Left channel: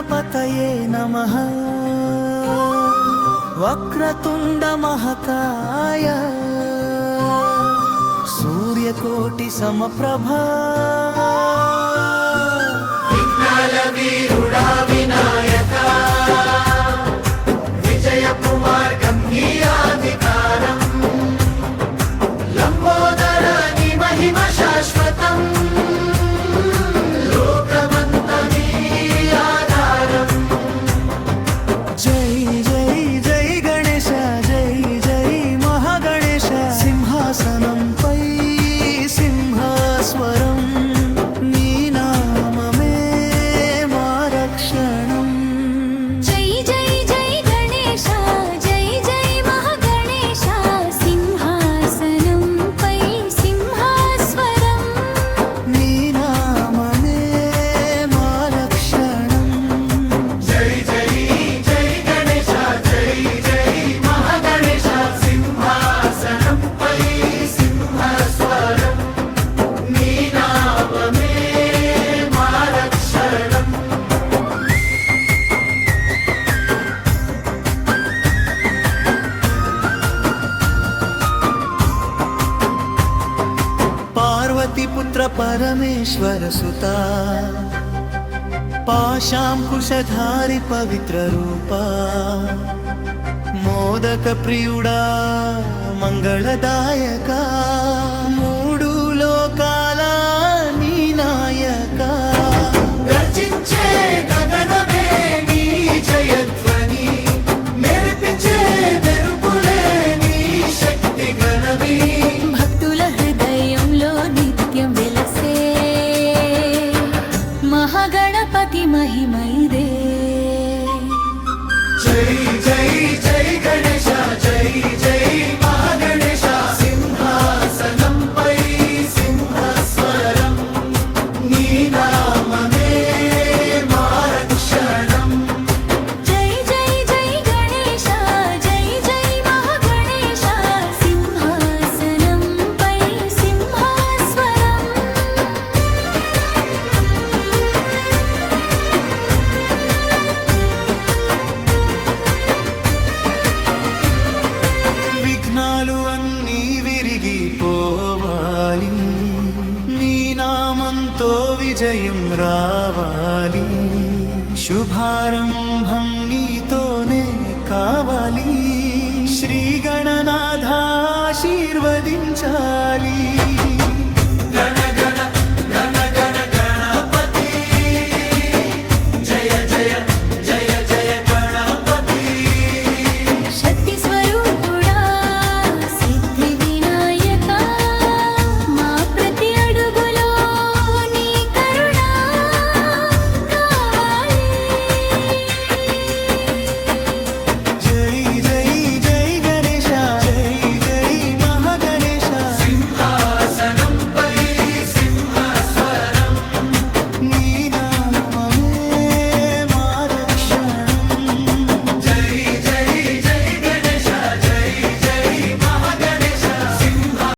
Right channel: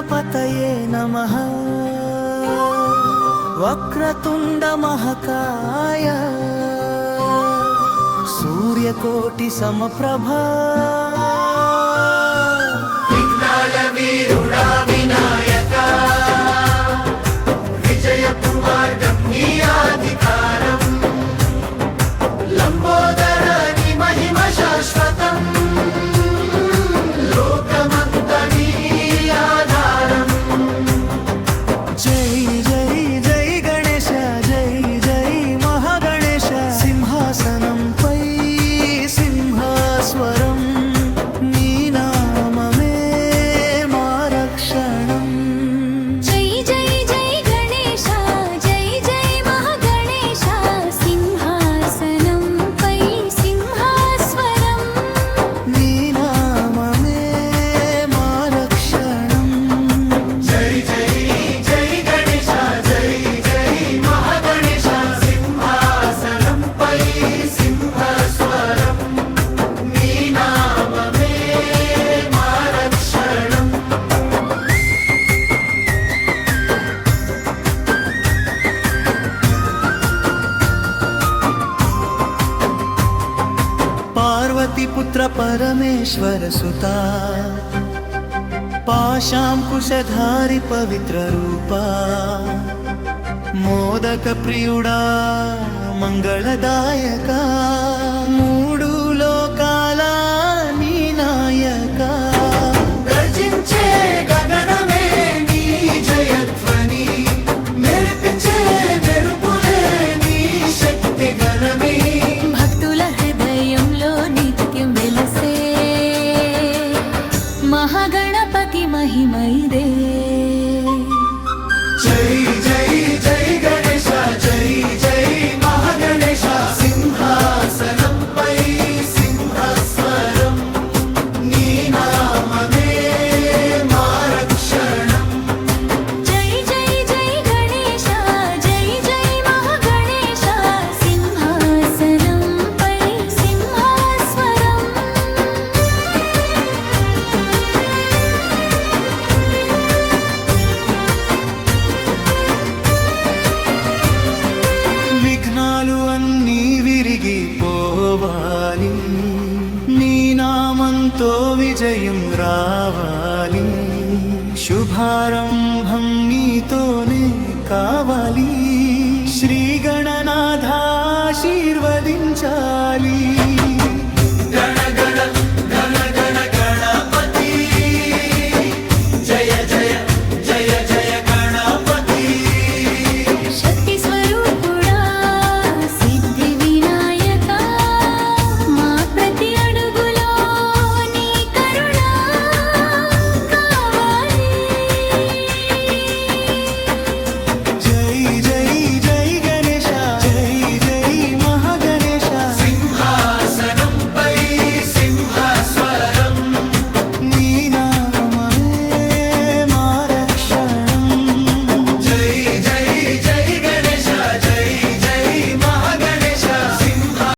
गणपतये नमः। वक्रतुंड महाकाय सूर्यकोटि समप्रभा विघ्नाल वीरुडा विनायका विजय कुमार गम्याधिकारम् लंबोदर नी महिमा शाश्वतम् लोकमंतनी आधारम्। जय जय जय गणेश जय जय महागणेश सिंहासनं पै सिंहास्वरम् नी नाममे मा रक्षणम्। जय जय जय गणेश जय जय महागणेश सिंहासनं पै सिंहास्वरम् नी नाममे मा रक्षणम्। जय जय जय गणेश जय जय महागणेश सिंहासनं पै सिंहास्वरम् नी नाममे मा रक्षणम्। पार्वती पुत्र परमेश्वर सुता पाशांकुशधारि पवित्र रूपा मोदक प्रियुडा मंगलदायका मूडु लोकाल नी नायका। गर्जिंचे गगनमे नी जयध्वनि मेरिपिंचे मेरुपुले नी शक्ति गणमी। భక్తుల హృదయంలో నిత్యం వెలసే మహాగణపతి మహిమైదే। जय जय जय गणेश जय जय महागणेश सिंहासनं पै सिंहास्वरम् नी नाममे मा रक्षणम्। జై జై జై గణేశ జై జై మహాగణేశ సింహాసనం పై సింహాస్వరం। విఘ్నాలు అన్నీ విరిగిపోవాలి నీ నామంతో విజయం రావాలి శుభారంభం నీతోనే కావాలి శ్రీ గణనాథ ఆశీర్వదించాలి।